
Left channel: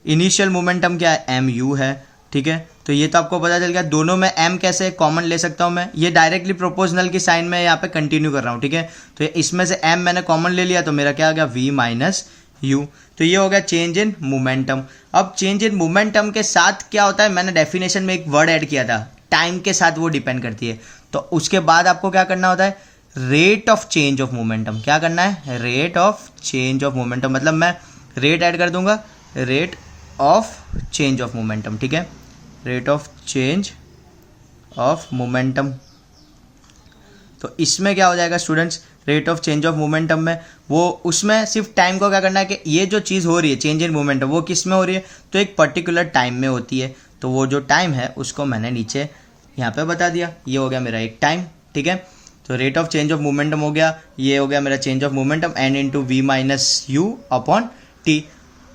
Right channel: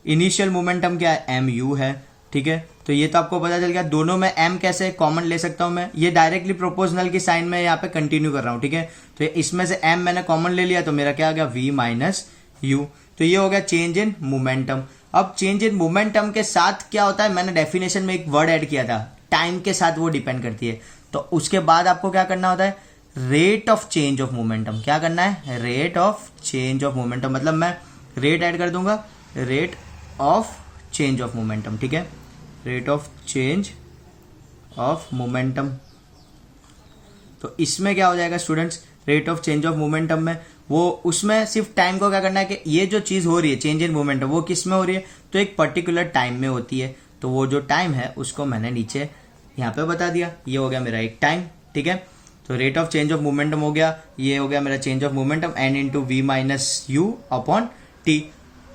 इनिशियल मोमेंटम क्या है, mu है, ठीक है। तो ये तो आपको पता चल गया। दोनों में m कैसे कॉमन ले सकता हूँ मैं, ये डायरेक्टली प्रोपोर्शनल की साइन में यहाँ पे कंटिन्यू कर रहा हूँ, ठीक है। तो इसमें से m मैंने कॉमन ले लिया, तो मेरा क्या आ गया, v माइनस u। तो ये हो गया चेंज इन मोमेंटम। अब चेंज इन मोमेंटम के साथ क्या होता है, मैंने डेफिनेशन में एक वर्ड ऐड किया था, टाइम के साथ वो डिपेंड करती है। तो उसके बाद आपको क्या करना होता है, rate of change of momentum. क्या करना है, rate of change of momentum, मतलब मैं रेट ऐड कर दूंगा, rate of change of momentum, ठीक है, rate of change of momentum. तो इसमें क्या हो जाएगा students, rate of change of momentum में, वो उसमें सिर्फ टाइम को क्या करना है कि ये जो चीज़ हो रही है चेंज इन मोमेंटम वो किस में हो रही है, तो एक पर्टिकुलर टाइम में होती है। तो वो जो टाइम है उसको मैंने नीचे यहाँ पे बता दिया। ये हो गया मेरा एक टाइम, ठीक है। तो rate of change of momentum हो गया, ये हो गया मेरा change of momentum n into v minus u upon t,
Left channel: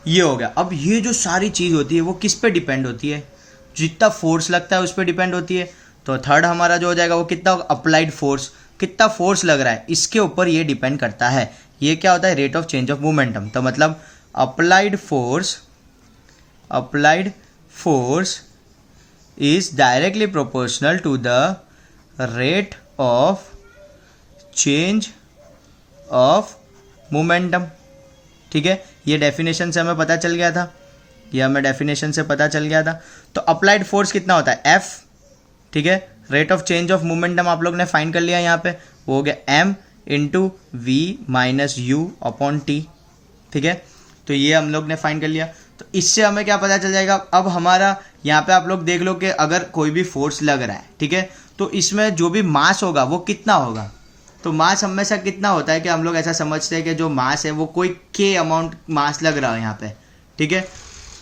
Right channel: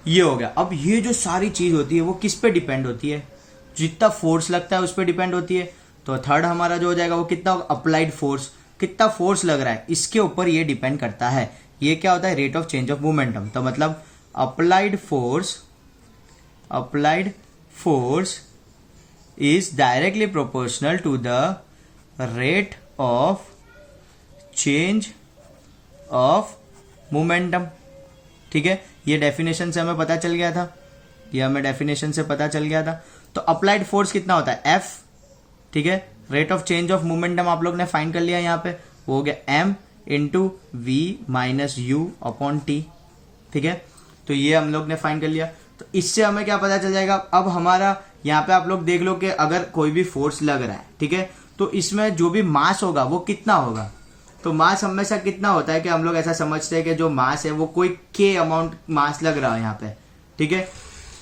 ये हो गया। अब ये जो सारी चीज़ होती है वो किस पे डिपेंड होती है, जितना फोर्स लगता है उस पर डिपेंड होती है। तो थर्ड हमारा जो हो जाएगा वो कितना होगा, अप्लाइड फोर्स, कितना फोर्स लग रहा है इसके ऊपर ये डिपेंड करता है। ये क्या होता है, rate of change of momentum. तो मतलब applied force is directly proportional to the rate of change of momentum, ठीक है। ये डेफिनेशन से हमें पता चल गया था, ये हमें डेफिनेशन से पता चल गया था। तो अप्लाइड फोर्स कितना होता है, एफ, ठीक है। Rate of change of momentum आप लोग ने फाइंड कर लिया यहाँ पे, वो हो गया m into v minus u upon t, ठीक है। तो ये हम लोग ने फाइंड कर लिया। तो इससे हमें क्या पता चल जाएगा, अब हमारा यहाँ पे आप लोग देख लो कि अगर कोई भी फोर्स लग रहा है, ठीक है, तो इसमें जो भी मास होगा वो कितना होगा। तो मास हमेशा कितना होता है कि हम लोग ऐसा समझते हैं कि जो मास है वो कोई के अमाउंट मास लग रहा है यहाँ पे, ठीक है।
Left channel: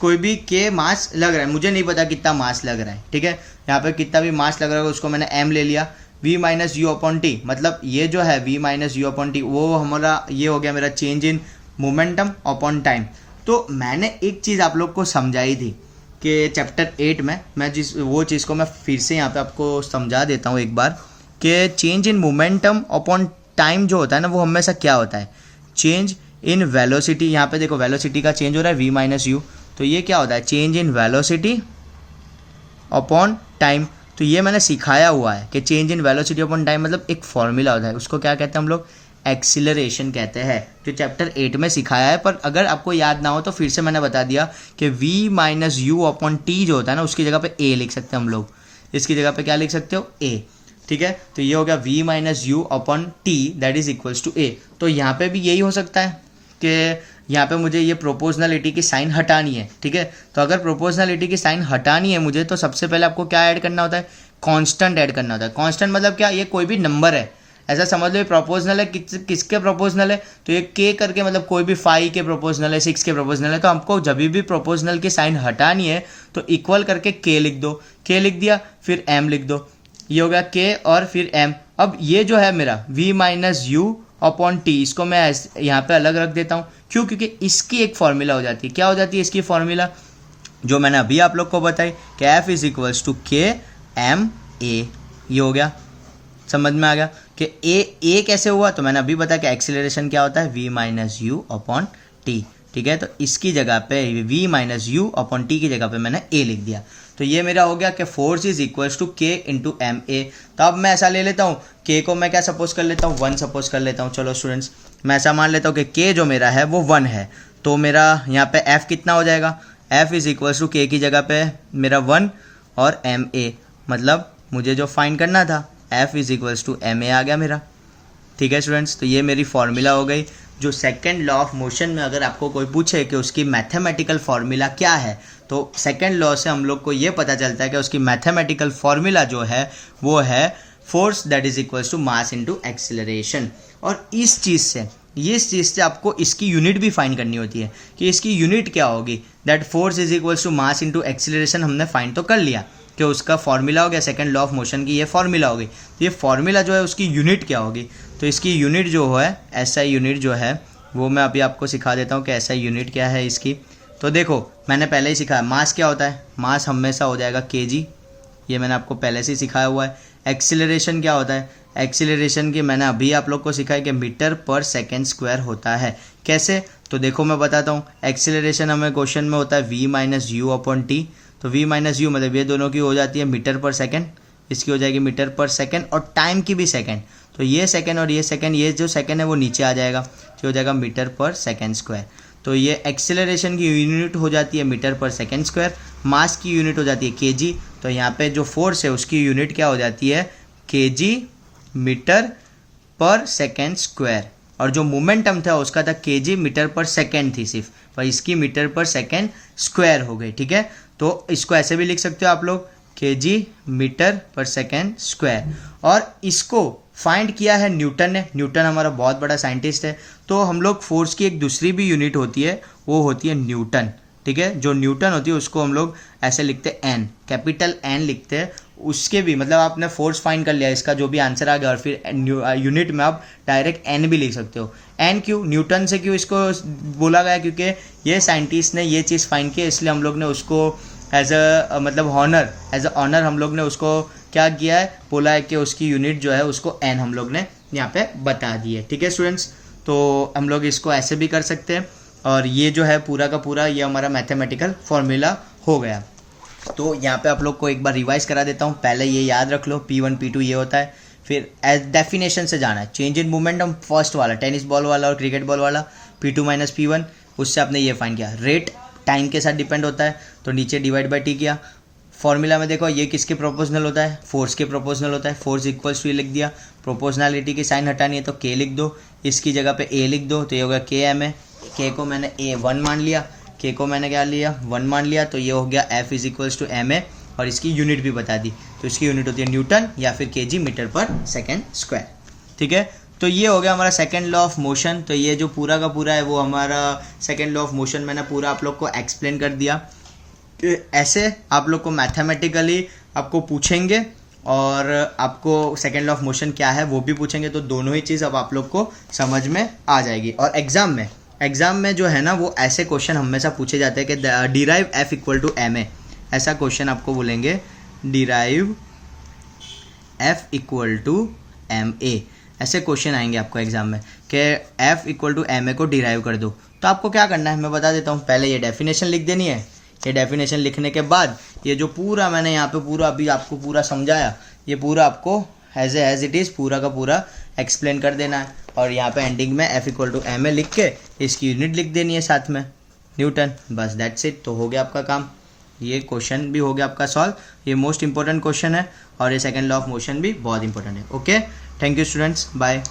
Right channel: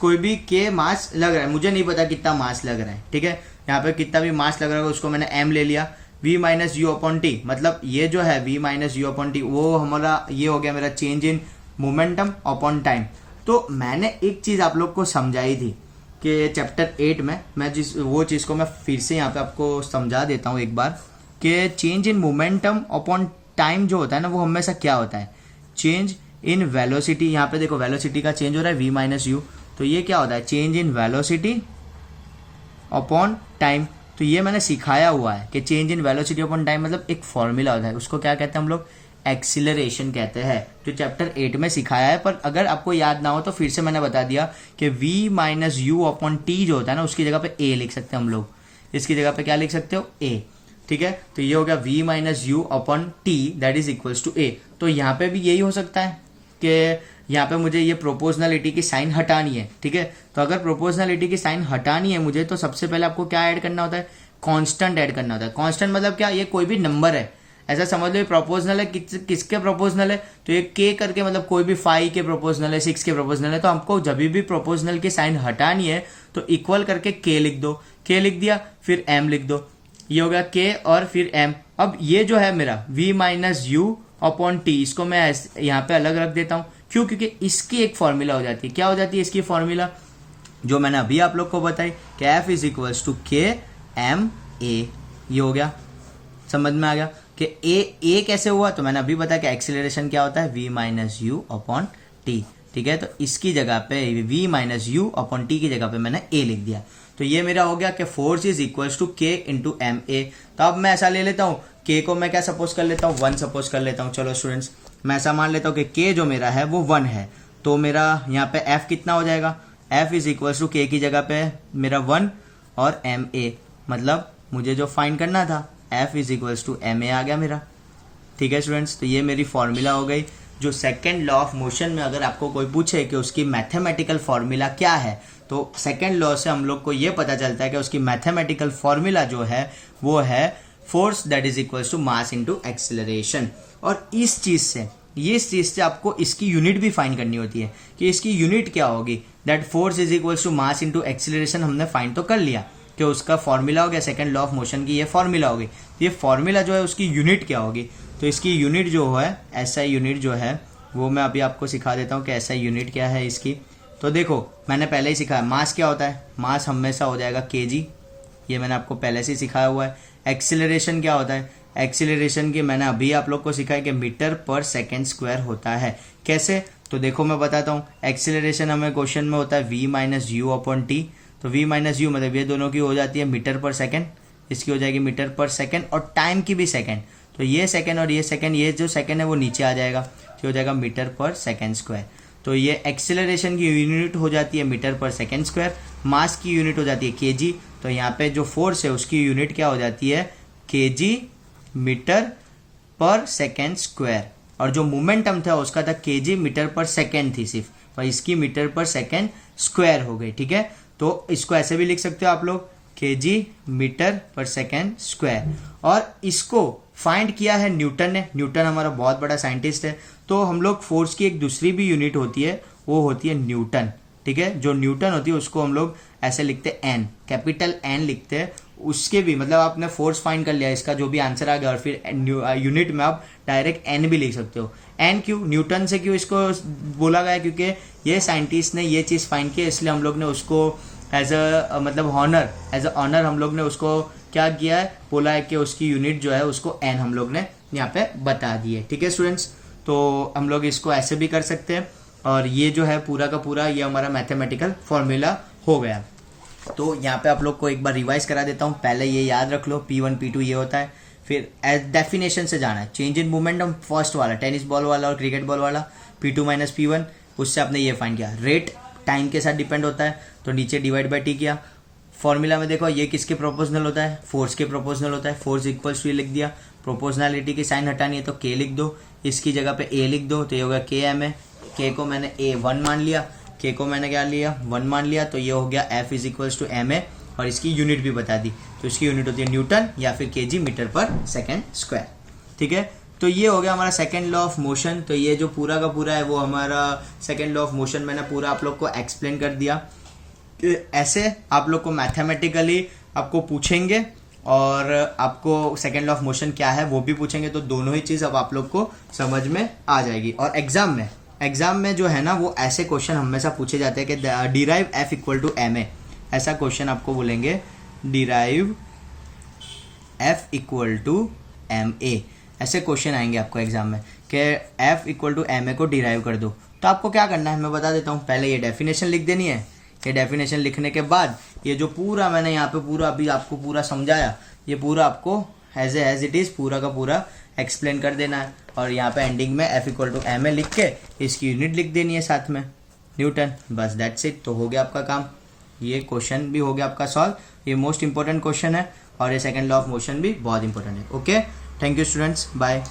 कोई भी के मास लग रहा है, मुझे नहीं पता कितना मास लग रहा है, ठीक है। यहाँ पे कितना भी मास लग रहा है उसको मैंने एम ले लिया, v minus u upon T, मतलब ये जो है v minus u upon T वो हमारा ये हो गया मेरा change in momentum upon time. तो मैंने एक चीज़ आप लोग को समझाई थी कि चैप्टर 8 में, मैं वो चीज़ को मैं फिर से यहाँ पे आपको समझा देता हूँ एक बार, कि change in momentum upon time जो होता है ना वो हमेशा क्या होता है, चेंज इन वेलोसिटी। यहाँ पे देखो वेलोसिटी का चेंज हो रहा है v माइनस यू, तो ये क्या होता है, change in velocity upon time. तो ये मैंने सिखाया हुआ है कि change in velocity upon time मतलब एक फॉर्मूला होता है, उसको क्या कहते हैं हम लोग, एक्सीलरेशन कहते हैं, जो चैप्टर 8 में सिखाया है। पर अगर आपको याद ना हो तो फिर से मैंने बता दिया कि v minus u upon T जो होता है ना उसकी जगह पे a लिख सकते हैं हम लोग, इसकी जगह पे क्या लिख सकते हो, a, ठीक है। तो ये हो गया v minus u upon t that is equals to a। तो यहाँ पे भी यही हो सकता है कि यहाँ पे मुझे ये प्रोपोर्शनलिटी की साइन हटानी है, ठीक है। तो अगर प्रोपोर्शनलिटी की साइन हटानी है मुझे, तो सबसे पहले आपको क्या ऐड करना होता है, कांस्टेंट ऐड करना होता है। कांस्टेंट मतलब क्या, ये कोई भी नंबर है, ऐसा समझ लो ये प्रोपोर्शनल है, किसके प्रोपोर्शनल है, तो ये के करके मतलब कोई भी 5 के प्रोपोर्शनल है, 6 के प्रोपोर्शनल है। तो हमको जब भी प्रोपोर्शनल की साइन हटानी है तो इक्वल करके के लिख दो, के लिख दिया फिर एम लिख दो, ये हो गया के और फिर एम। अब ये जो है मेरा v minus u upon T, इसको मैं यहाँ पे अलग रख देता हूँ, क्यों, क्योंकि इसकी एक फॉर्मूला हो जाती है, क्या हो जाती है इसकी फॉर्मूला, जो मैंने अभी आप लोग को बताई कि एफ इज इक्वल्स टू के एम ए। ये हो गया, समझ में आ गया कि ए कैसे हुआ, तो मैंने अभी बताया कि एक्सीलरेशन क्या होता है, v minus u upon t, ठीक है। तो इसकी जगह पे v minus u upon T की जगह पे मैंने a लिख दिया। तो ये मेरा हो गया कि फोर्स इज इक्वल्स टू के इंटू एम ए। तो अब मैं ऐसा ले लेता हूँ, के को मैं क्या सपोज कर लेता हूँ, 1 सपोज कर लेता हूँ। चलो स्टूडेंट्स, मैं ऐसा मान लेता हूँ कि के जो मेरा है वो 1 है, तो मेरा यहाँ पे f कितना हो जाएगा, f इज इक्वल्स टू के की जगह पे मेरा 1 और एम ए, मतलब मुझे जो फाइंड करना था f is equals to M A आ गया मेरा, ठीक है स्टूडेंट्स। तो ये मेरी फॉर्मूला हो गई। जो सेकेंड लॉ ऑफ मोशन में अगर आपको कोई पूछे कि उसकी मैथमेटिकल फॉर्मूला क्या है, तो सेकेंड लॉ से हम लोग को ये पता चलता है कि उसकी मैथमेटिकल फॉर्मूला जो है वो है force that is equals to mass into acceleration. और इस चीज़ से आपको इसकी यूनिट भी फाइंड करनी होती है कि इसकी यूनिट क्या होगी, that force is equals to mass into acceleration हमने फाइंड तो कर लिया कि उसका फॉर्मूला हो गया, सेकंड लॉ ऑफ मोशन की ये फॉर्मूला होगी। तो ये फॉर्मूला जो है उसकी यूनिट क्या होगी, तो इसकी यूनिट जो है एसआई यूनिट जो है वो मैं अभी आपको सिखा देता हूँ कि एसआई यूनिट क्या है इसकी। तो देखो मैंने पहले ही सिखाया, मास क्या होता है, मास हमेशा हो जाएगा केजी, ये मैंने आपको पहले से ही सिखाया हुआ है। एक्सीलरेशन क्या होता है, एक्सीलरेशन की मैंने अभी आप लोग को सिखाया कि मीटर पर सेकेंड स्क्वायर होता है। कैसे, तो देखो मैं बताता हूँ। एक्सीलरेशन हमें क्वेश्चन में होता है v minus u upon T, तो v माइनस यू मतलब ये दोनों की हो जाती है मीटर पर सेकेंड, इसकी हो जाएगी मीटर पर सेकेंड और टाइम की भी सेकेंड, तो ये सेकेंड और ये सेकेंड, ये जो सेकेंड है वो नीचे आ जाएगा, ये हो जाएगा मीटर पर सेकेंड स्क्वायर। तो ये एक्सीलरेशन की यूनिट हो जाती है मीटर पर सेकेंड स्क्वायर, मास की यूनिट हो जाती है केजी, तो यहाँ पे जो फोर्स है उसकी यूनिट क्या हो जाती है केजी मीटर पर सेकेंड स्क्वायर, और जो मोमेंटम था उसका था केजी मीटर पर सेकेंड थी सिर्फ, पर इसकी मीटर पर सेकेंड स्क्वायर हो गई, ठीक है। तो इसको ऐसे भी लिख सकते हो आप लोग केजी मीटर पर सेकेंड स्क्वायर, और इसको फाइंड किया है न्यूटन ने। न्यूटन हमारा बहुत बड़ा साइंटिस्ट है। तो हम लोग फोर्स की एक दूसरी भी यूनिट होती है, वो होती है न्यूटन। ठीक है, जो न्यूटन होती है उसको हम लोग ऐसे लिखते हैं एन, कैपिटल एन लिखते हैं। उसके भी मतलब आपने फोर्स फाइंड कर लिया, इसका जो भी आंसर आ गया, और फिर यूनिट में आप डायरेक्ट एन भी लिख सकते हो। एन क्यों, न्यूटन से क्यों इसको बोला गया, क्योंकि ये साइंटिस्ट ने ये चीज़ फाइंड की, इसलिए हम लोग ने उसको एज अ मतलब ऑनर हम लोग ने उसको क्या किया है, बोला है कि उसकी यूनिट जो है उसको एन हम लोग ने यहाँ पे बता दी है। ठीक है स्टूडेंट्स, तो हम लोग इसको ऐसे भी कर सकते हैं, और ये जो है पूरा का पूरा ये हमारा मैथमेटिकल फॉर्मूला हो गया। तो यहाँ पे आप लोग को एक बार रिवाइज करा देता हूँ। पहले ये याद रख लो, P1 P2 ये होता है। फिर एज डेफिनेशन से जाना है, चेंज इन मोमेंटम फर्स्ट वाला टेनिस बॉल वाला और क्रिकेट बॉल वाला, P2 - P1, उससे आपने ये फाइंड किया। रेट टाइम के साथ डिपेंड होता है, तो नीचे डिवाइड बाई टी किया। फॉर्मूला में देखो ये किसके प्रोपोर्शनल होता है, फोर्स के प्रोपोर्शनल होता है। फोर्स इक्वल्स टू ये लिख दिया, प्रोपोर्शनलिटी की साइन हटानी है तो K लिख दो, इसकी जगह पे A लिख दो, तो ये होगा KM है। K को मैंने A1 मान लिया, K को मैंने क्या लिया 1 मान लिया, तो ये हो गया F is equals to MA, और इसकी यूनिट भी बता दी, तो इसकी यूनिट होती है न्यूटन या फिर kg मीटर पर सेकेंड स्क्वायर। ठीक है, तो ये हो गया हमारा सेकेंड लॉ ऑफ मोशन। तो ये जो पूरा का पूरा है वो हमारा सेकेंड लॉ ऑफ मोशन मैंने पूरा आप लोग को एक्सप्लेन कर दिया। ऐसे आप लोग को मैथमेटिकली आपको पूछेंगे, और आपको सेकेंड लॉ ऑफ मोशन क्या है वो भी पूछेंगे, तो दोनों ही चीज़ अब आप लोग को समझ में आ जाएगी। और एग्जाम में जो है ना वो ऐसे क्वेश्चन हमेशा पूछे जाते हैं कि derive F equal to MA, ऐसा क्वेश्चन आपको बोलेंगे derive F equal to MA, ऐसे क्वेश्चन आएंगे आपको एग्जाम में कि F इक्वल टू MA को डिराइव कर दो। तो आपको क्या करना है मैं बता देता हूँ। पहले ये डेफिनेशन लिख देनी है, ये डेफिनेशन लिखने के बाद ये जो पूरा मैंने यहाँ पे पूरा अभी आपको पूरा समझाया, ये पूरा आपको एज इट इज़ पूरा का पूरा एक्सप्लेन कर देना है, और यहाँ पे एंडिंग में F इक्वल टू MA लिख के इसकी यूनिट लिख देनी है साथ में न्यूटन, बस दैट्स इट। तो हो गया आपका काम, ये क्वेश्चन भी हो गया आपका सॉल्व। ये मोस्ट इंपॉर्टेंट क्वेश्चन है, और ये सेकंड लॉ ऑफ मोशन भी बहुत इंपॉर्टेंट है। Okay, thank you students, bye.